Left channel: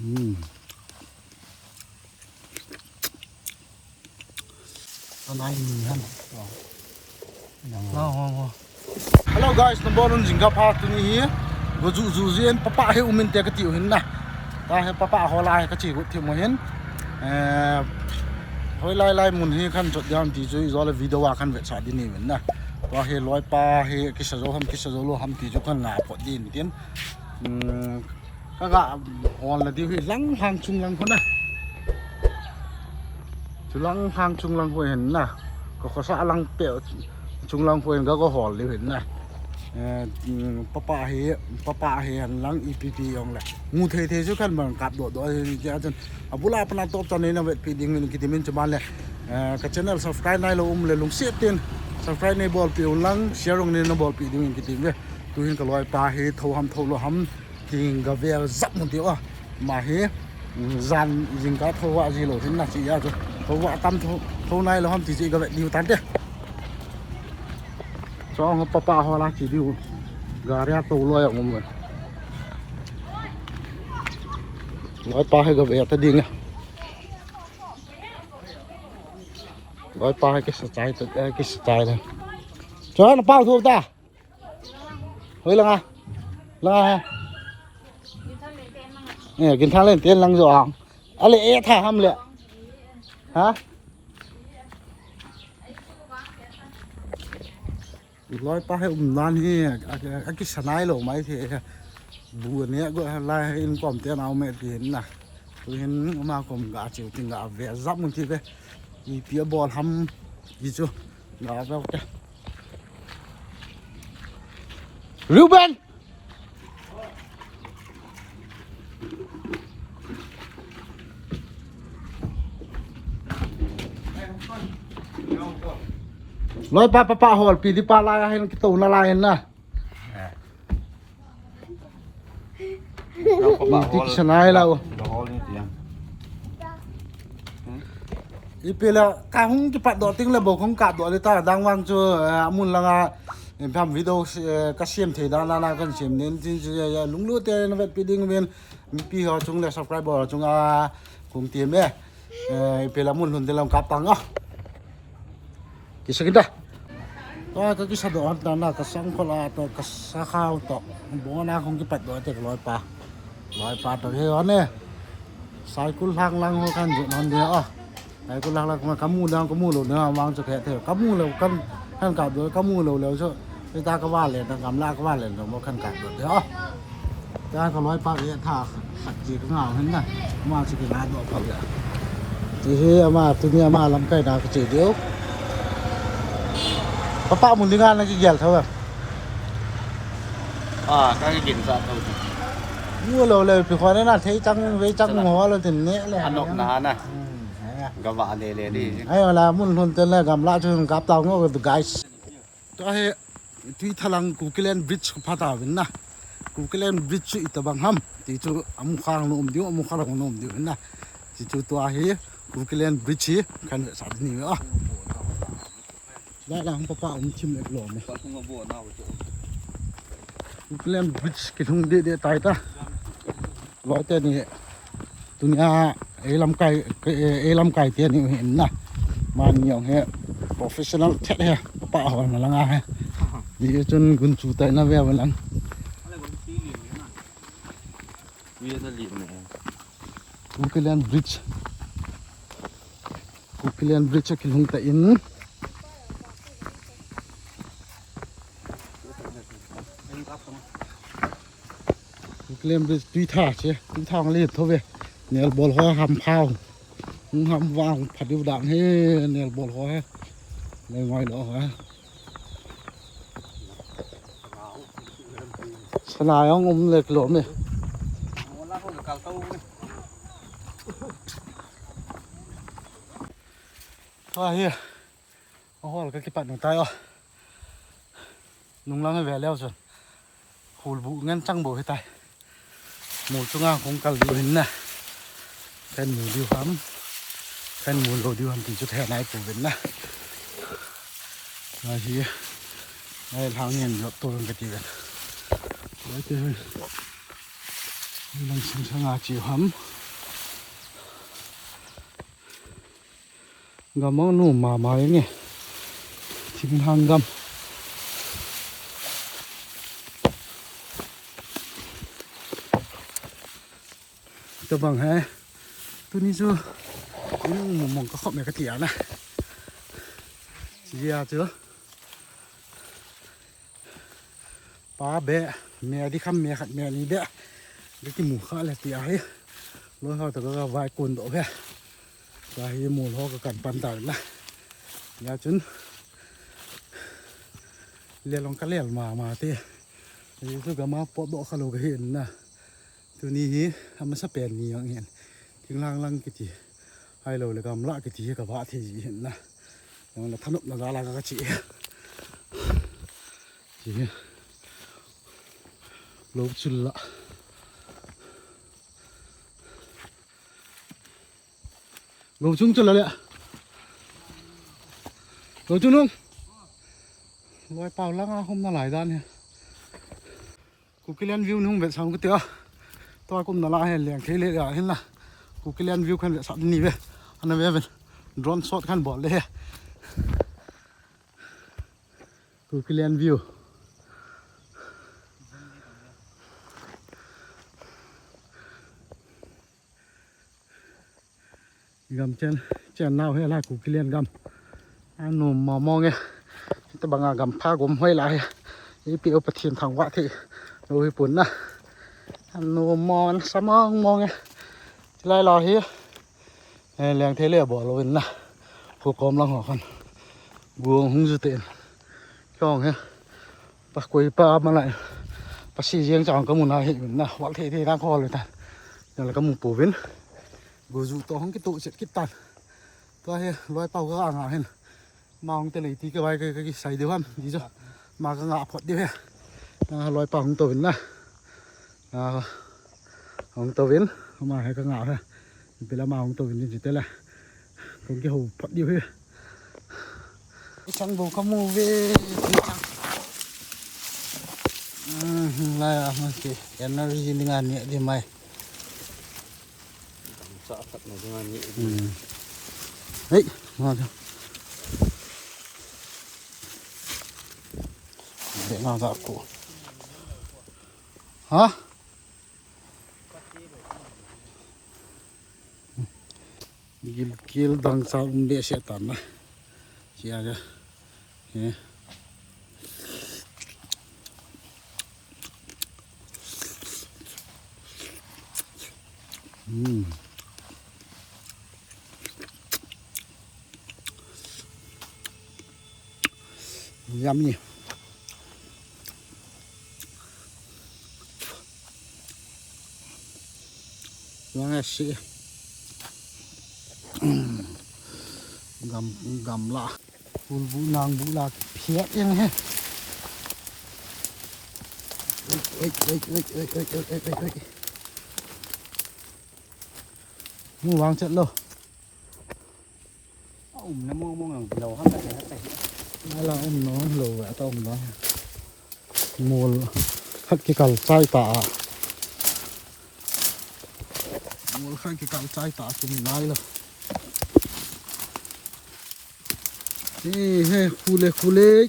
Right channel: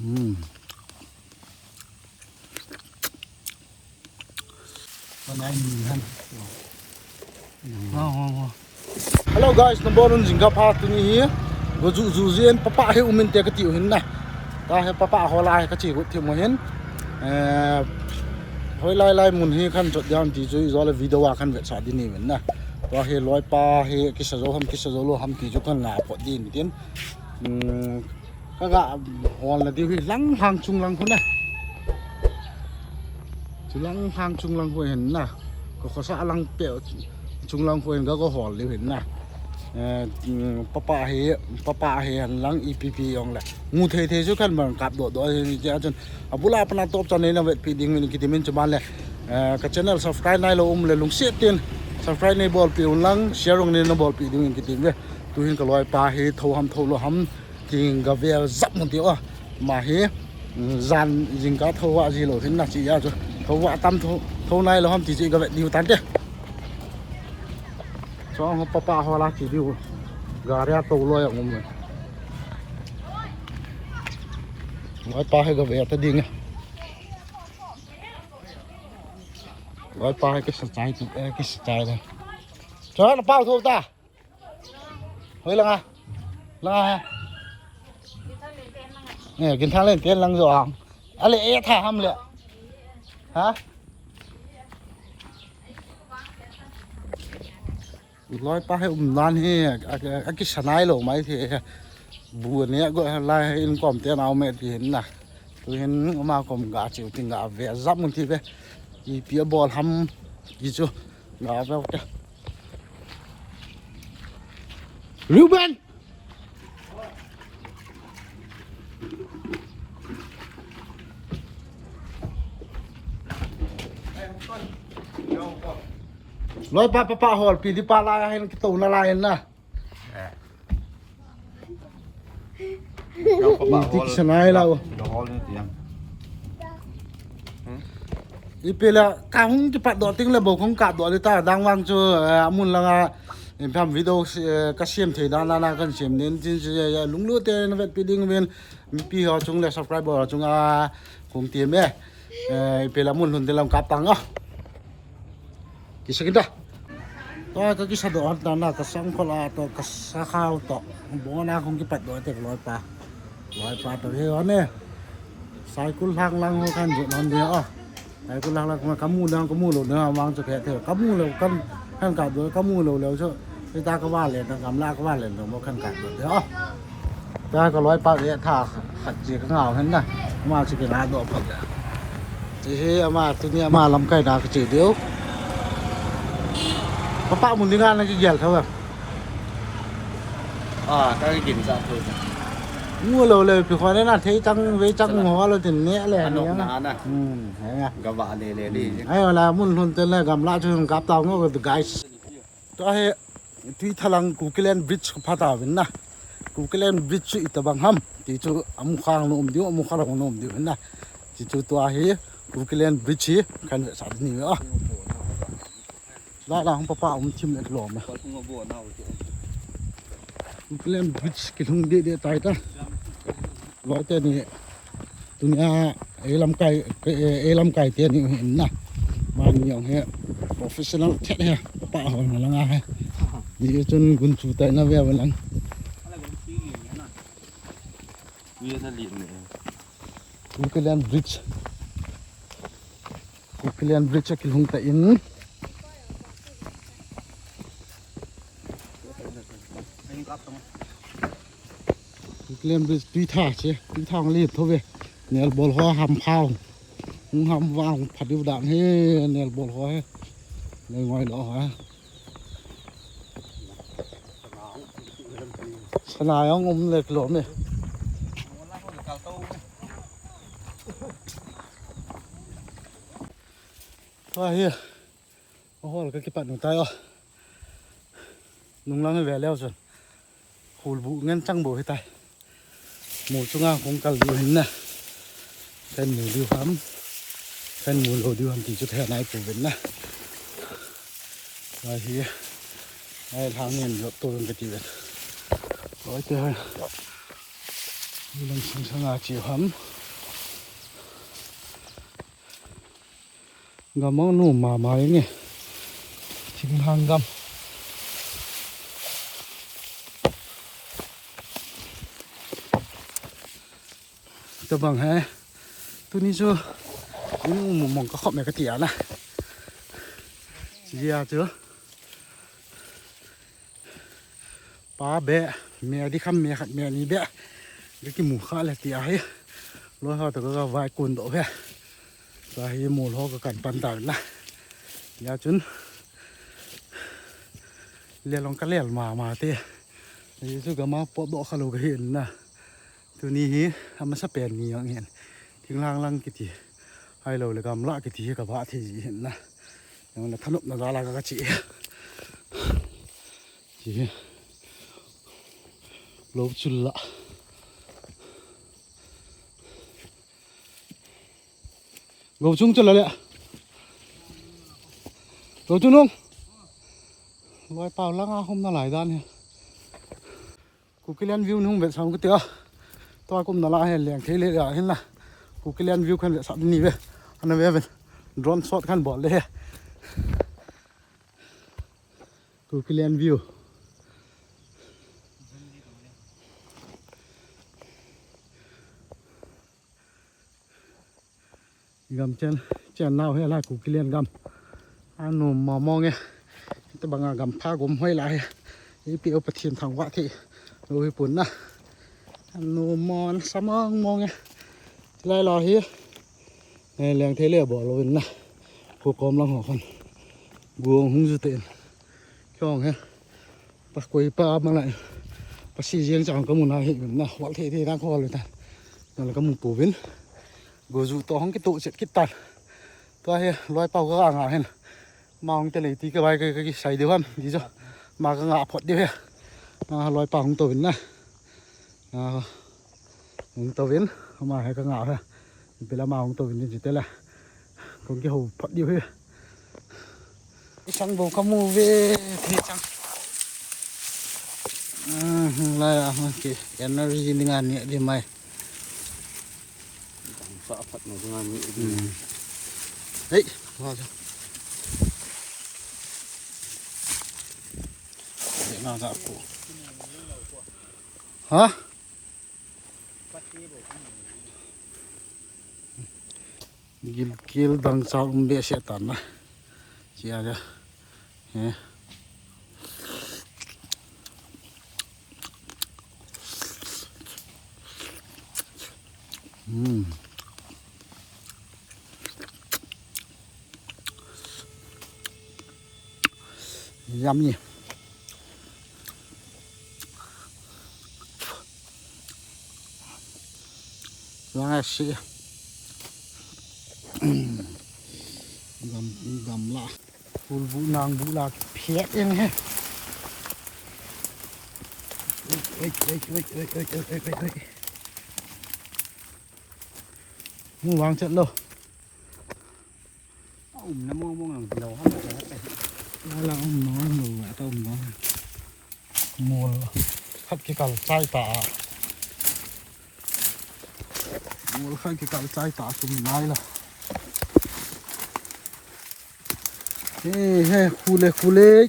ตอนไหนมีท่าน Hello guys, number one jingga park tu ni goju juzian papa he umin te kati hin na ta he papa hola he kachi ru thi mo hin hoi lai mun hi khan jot yam ti ju zo le video wa khan ve cha di ni wen na wa he loi pa he ki sa zo lo ham ti ju khan na po din tin ka ga hol na di hi lang thang chung lang ko na chu lang thang chung lang ko hin na ko sa lang pe chung lang ko hin ga ko hol di hin na papa he han lang EPP yong la ngu the chu kan bang kap do ja chon abula apna top channel na vet feeding min kitimin chuman le ka channel subscribe nai lo le lung se tin subscribe nei bol pi lang share ong nei no bol pi ding kitim le tu hin ka loi pa he tho ham tho lo ham king ga vel zap mun ti wa ma he zan jing ka tho wa ji lo thin na chi ya chu tho wa tam tho nai lo ham ti ji ga vet diu tan te cho ông papa hoa la chỉ điêu gà ra tàu loài ông mình nói pa hay gặp về phải đi nha nói pa hay cái style này cho nó bao thôi ta với lăng à nèกินข้าวเล่นเต้นลังจ่ออะไรถ่ายทำเลยฮะร้อยป้าให้นานที่กิชนายหลงไหมที่บัวเนี้ยก็ไล่ให้อินกอมเตี้ยเอาเม็ดเห็นนะตัวเห็นมากอมกาจิ๋วติงกาเวซับมึงที่ไปอีเปียบอลทำยี่จูกาแบบรูเบนร้อยป้าหอลปีที่ป้าไล่ให้kita una lain lah. Kita senai lah. Hol ni tiang. Ipela kang cepat doting lah bokong kat dot kita dang wang cu amun lah pham video ka siam thei dan la kan siam nen jin ya lung lu te na vet piding ven mi pi ho chung le subscriber chung a kum tiam me ipela mun hun te lam kap tang ah. Kisahก็ก็สะดวกตอนนั้นก็สังคนละตัวก็สักข้าวต่อบอกว่าน่าคงจะปัดด้วยแต่ลอยปลาตัวที่วันนี้สายกุลทางลังหัวกันจุดนอนเดียวอ่ะสายกุลทางลังมาขมูเรื่องขมูหลุดเนื้อวางจะแค่เถอะขมูเร็วกันขั้นกัดด้วยขมูเร็วเชื่อไอ้ตาก็ว่าเลยตากำลาก็ว่าเลยแต่ว่าขั้นกัดด้วยเดี๋ยวตาก็ลอยปลาเนี่ยถ้าขัดจีก็เงาเห็นนะมาสิเป็นอาดอกไปเลยที่มาตัวนี้มาลำไก่ดาก็จีเดียวPapa muốn đi ngang này cái gì thôi à? Các cái gì sao thôi? Mua lâuเลยพี่คนนั้นน่ะเที่จังเวจังหัวเราถึงเนี้ยเลย ขนมนานนะ เห็นไหม กะว่าเลยดิ ไอ้เวลามุ่นทุนเต้นเลยกำลังช่วยกับตองก็ guys ตัวเฮที่ทลังกูเกลนบริดจ์พัฒนาวินนะกูเกลนบริดจ์อิตาบังฮัมที่จู่อามุขางนุ่มดิวอามุขางนุ่มดิวนะที่จู่ตัวเฮกูเกลนบริดจ์กันสัตว์นี่อ่ะแล้วป้าชิมเล็กหล่อไหมเล่นบิสกินเด็ดตายตาร้อยเต้นี่ตัวนี้ลำไก่เตี้ยนี่เห็นนะมันอย่างเงี้ย professional เช็ดเฮ้ป้าหัวมันละง่ายดีจนกุนจูแต่น่าเวลลังวิทยาลีนเนี่ยกูเล่นบริดจ์กินหุ่นแต่ยังเล่นไปตีท่าใช่ตีท่ามันเรียบเท่าไหร่เนี่ยบอลหัวหำข้าวหำวางผัดดิบด่างให้เนี่ยบอลหัวเลยง่อยเหรอฮะสนายของผมเล็กหล่นเลยว่าเฮียโอ้โหก็คิดปัดหนึ่งตายอ่ะนุ่งล้างให้แหวนแล้วส่วนหูบุงั้นจังบุให้ตายหมูจุงอ่ะคงกัลอยู่เห็นนะแค่หมูดิวครับแค่หมูโลดิวทำตีจุดแทนนายปู่เป็นนะว่าเฮียในทางเงินยกตัวเป็นกระติบร้อยเจ้า Ilang sang chi ham gamang nu ma mai ne sin hang gam to bang he tu ni chu ni nu mong ka khop me ka tia na ya chưa pa be me di kham me khat me ni be cái mù khá là tia ấy lối họ từ cái vài cuốn độ về và hi mù họ cái cảnh pan tàu na nhà chúng liền lòng cá lẻo mà thế thì chú cái máu bỏ độ khá lâu cái hiện na từ ní hi mà sắp bền nhiều hiện tiếng lang cái gì hay lâu là cầm lại cái gì cả vạ thì hiện na nhưng là thằng nó ra là các chị lâu chul lạ gấu chung cho là lẹ gấu chung không loài tàu lăng hôm nào lại ra nè cụ cái land view không biết sao cái tía tôi cũng nào lại liền thấy lẹ hết là cụ cái land view khăn lẹ sao đi về anh em về drone shot khăn bỏ lẹ cụ cái land view gầm trên nào hay là cụ cái liền gầm anh nôm mò mò nghe ta bằng gầm pha gồm hơi lại cái biểu bật thiên thằng vạ thì rồi cuốn na anh nôm mò sao mò nghe lại lò hi liền thế lẽ bỏ rồi na hồ còm lăng họ con buông hung dữ tiền con he bắt quay pa mà lại bắt xì riêng chọn có một nào hiện na vạ thì đang kho rồi ta nhưng là có một bổ biến gồ dụ to không cái tụ sẽ kít tàn tôi loài tàu cái ngả hen mà ông tên này tí cái bài cái sấy điều không gì cho mà cái ngả phật đi he loài tàu không tàu vĩnh na không tàu vĩnh mà hay cái ngả he bây giờ mà không tàu vĩnh gì thế này còn cái hồ phật đi he cái sang bầu cam mù về thì sang là cái energy dengan nhẹ đi mày sợ phật này dengan nhẹ đấy ngon không để nó dạo cụ hả gil dang sao để sẽ tàn na chia ra yummy là xí gầm lạ phun vũ nàng vũ là phét yên hết mua vàng trận đâu nó mua hàng đầu hết đó là ông nó lồ vậy tao ông nó mua khách cái cầu chai tả mua khách cái cầu chai tả chúng này là khu lê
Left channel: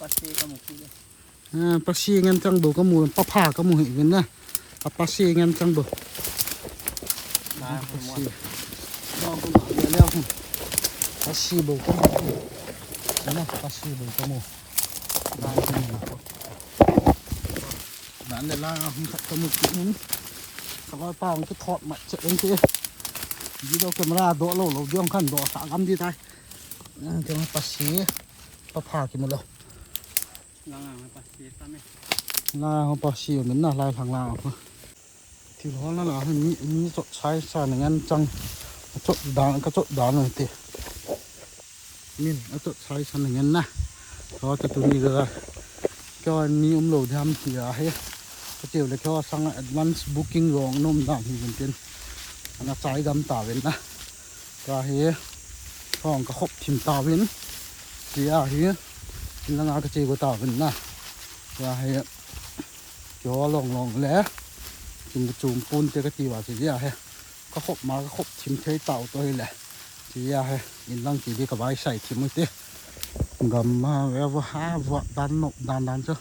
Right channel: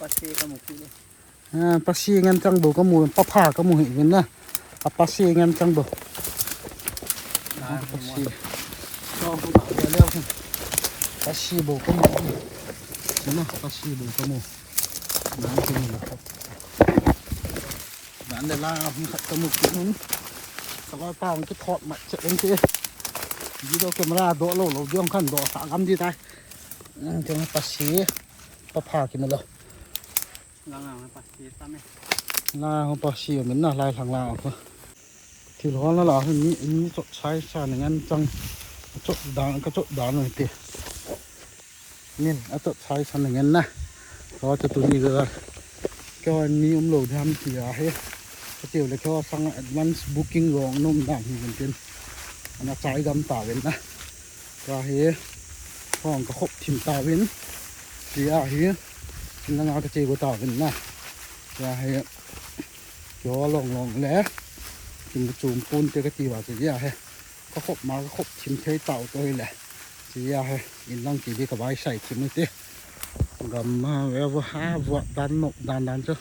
pasti kamu kilo pasti ngăn trăng bầu có mùi papa có mùi hình nè pasti ngăn trăng bầu pasti cho cũng tạo địa leo không pasti bầu có mùi nó pasti bầu có mùi bán cho mình bán để la không thật có một chút nữa các bạn bao cái thọt mặt chạy lên kia đi đâu camera đổ lỗ dương khăn đổ xả găm đi tay cho nó pasti papa cái một lần lang pasti tame là không bao nhiêu mình là lại thằng nào thôi thì nó là hình như chỗ trái xa này ngăn trăng chỗ đá này thì nên ở chỗ trái xa này ngăn nè đó cho tụi đi rồi cho anh ông lầu tham thì hết cái kiểu là cho sang advance booking rồi nôm đảng thì mình tiền nó trái đâm tàu bên nè ra hết còn có hộp chìm tàu bên thì hết là ngã cái chế của tàu bên nè ra hết cho lòng lẽ กินกระจูมปูนเตะกะตีว่าจีอะเฮก็ขบมาก็ขบทิมเทยเต่าตัวนี้แหละจีอะเฮอินลังจีดีกับไว้ใส่ทิมมือเตะกำมาเวลหาวัดดันนกดันจ้ะ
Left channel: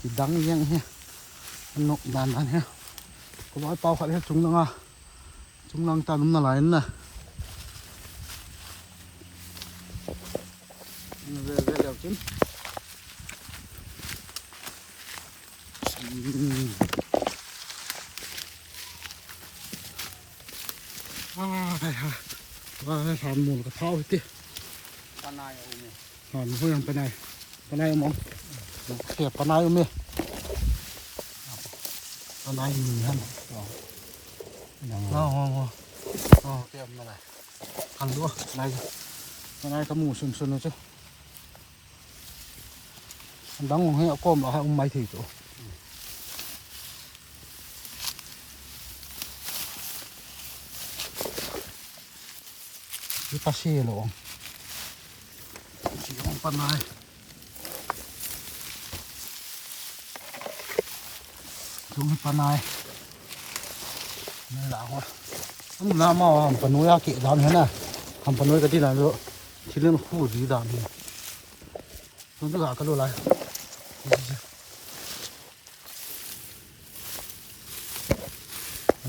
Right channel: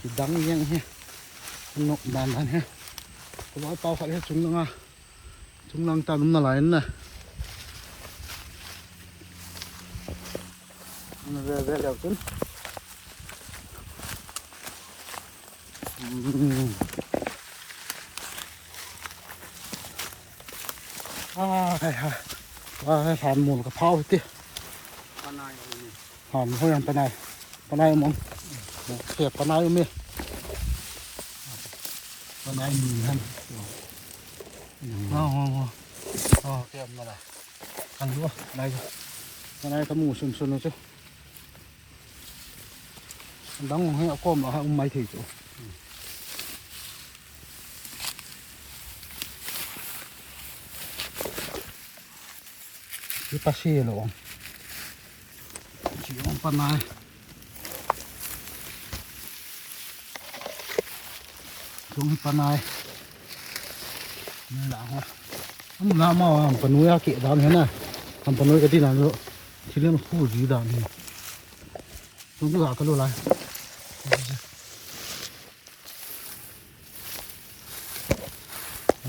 จีดังยังเฮนกดันเฮก็ร้อยเป่าฝัดให้จุงลังอ่ะจุงลังตาลุ่มน่าไหลน่ะเวลแล้วจุนว่าให้ผ่านหมุนกระเพราไปติ ปานายนี่ ผ่านเพื่อนไปไหนมันเสียบไปไหนมั้ยไปไหนมีฮะอ๋อเตรียมมาเลยกันด้วยไปไหนกระหมูซุนๆนะจ๊ะดังให้เอาก้มเอาให้ไม่ถือจ๊ะที่ปัสสีหลงที่ของปนายจุ่มปนายนี่แหละวะผมน้ำมาปนุยอาเกะดานเห็นนะทำปนุยกันที่ไหนรู้ที่เรื่องคู่จีดานนี่มันจะหากันดูอะไร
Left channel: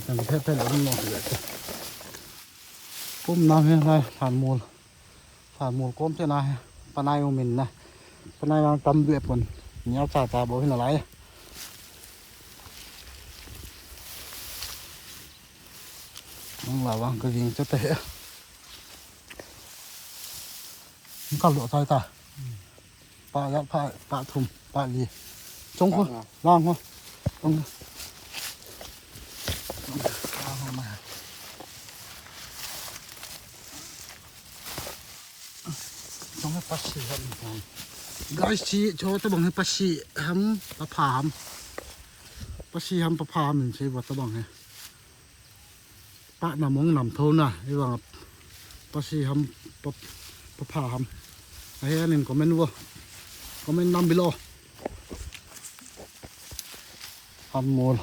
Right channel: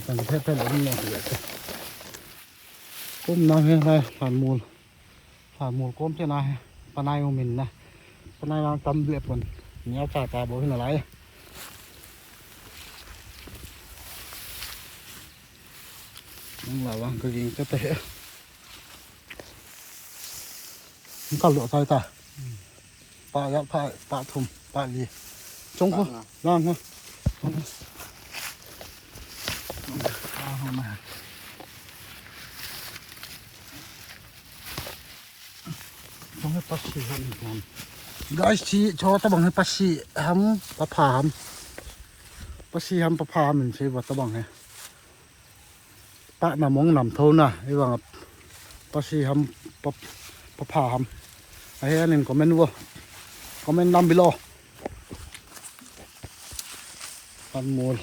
แต่แท้ๆหลงมองเห็นก้มน้ำให้ไรผ่านมูลก้มเท่าไรปนายอุมินนะปนายตำเบียดบนเนี้ยจ่าตาบอกให้อะไรนั่งหลับวะก็ยิงจะเตะมันก็หลุดไปตาปลายัดปลาทุ่มปลาลีจงหัวล่างหัวจงล่างหัวมาจงให้ปัสสีหันก่อนguys ชีวิตชอตะบังให้ปัสสีห้ำปะพามปัสสีห้ำปะพามหนึ่งชีวิตตะบังให้ปะน้ำมองน้ำโทน่ะไอ้ว่าปัสสีห้ำปะพามไอ้อันนี้คอมเมนต์ว่าคอมเมนต์นำไปรอหันมูล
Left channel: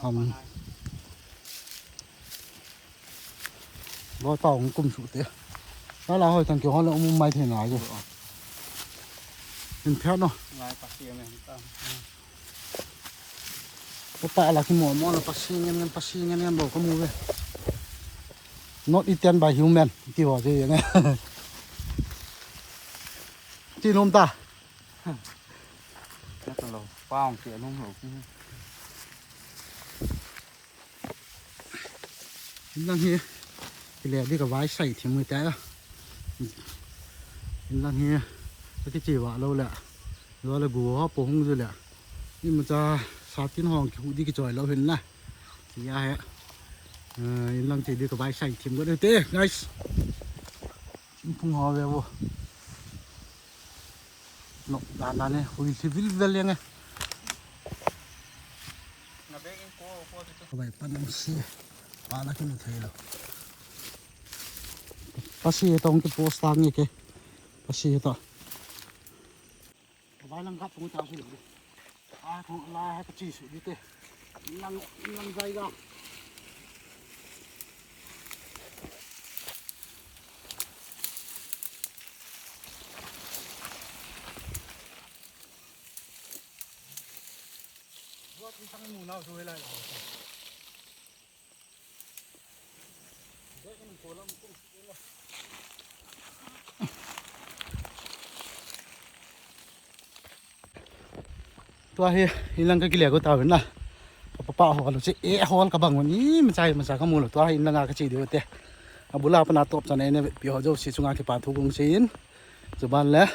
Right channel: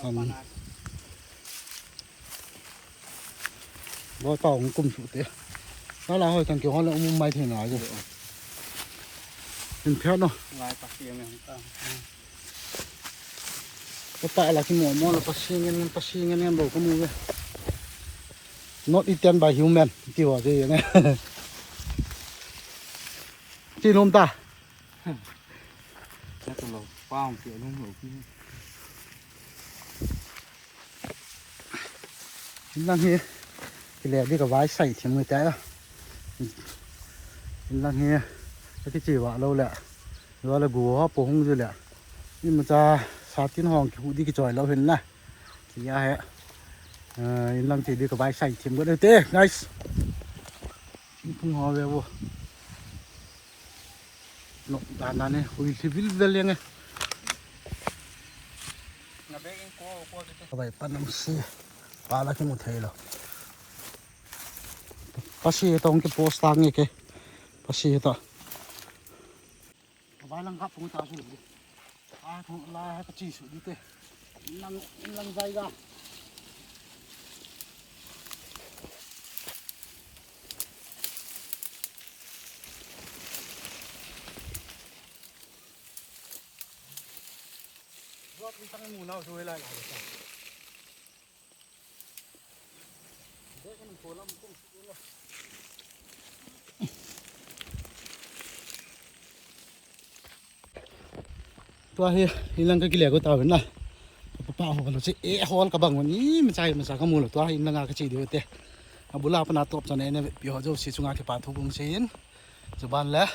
หันร้อยเป่าของกลุ่มสุดเตะแล้วเราให้ตั้งเกี่ยวกับเรื่องมุมไม่ถึงไหนอยู่เป็นเพชรเนาะ ลายปักเสียงเนี่ยต้อง ก็ปะอะไรที่หมอแล้วปัสซีเงี้ยบอกก็มูเว้ย not eaten by human ที่ว่าที่อย่างเงี้ยที่นมตา แล้วก็เราเป้าเสียน้องหนูที่ นั่นเฮียที่แรกนี่ก็ไว้ใส่ถิ่มมือแต่ละนั่นเฮียที่จีว่าเราแหละหรือว่าเราบัวปงอยู่แหละนี่มันจะสาธิตห้องขี้ดีกี่จอยเราเห็นนะที่ยาฮะนั่งจีดีก็ไว้ใส่ถิ่มก็ได้เต้ guys พุ่งหอเววนกดานเนี่ยหุ่ยที่วิลเวลยังไง นาเบกโก้ก็จะ เอาไปปั้นน้ำซีปลาละที่หมดเทแล้วปลาซีตรงที่โพสต์ตั้งนี่แกปลาซีต่อเอาไปลังครับตรงตาสิลูกของลาให้ปลาจีสุดดิเต้ลังใจกันรถมีทั้งหมูเน่าช่วยอะไรหรอเด็กมันโผล่แล้วมันต้องสู้แล้วตัวเฮียอินลังก็กิเลสก็ตายเหมือนน่ะป้าหัวเราจะฮอนกับบังวันนี้มันใจข้อมูลหรอตัวอินลังก็จีเดียวเต้บุลาปนาตบตอนนี้เนี่ยเดี๋ยวจะสิสุงานที่ป่าทุกงศิลป์จะบ้านแล้ว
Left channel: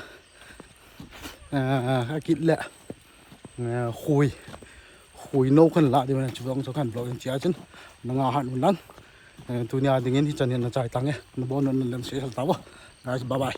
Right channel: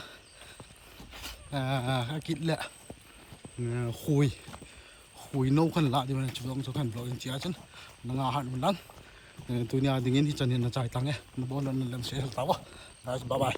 ก็คิดแหละคุยโน้ขึ้นละเดี๋ยวมันจะลองสักขั้นบล็อกเสียจนนางอาหารมันนั้นตัวนี้ดิ่งที่จะเนี่ยเราจ่ายตังค์เนี่ยนบอนนั่นเล่นเสียทั้งตัวบ๊ายบาย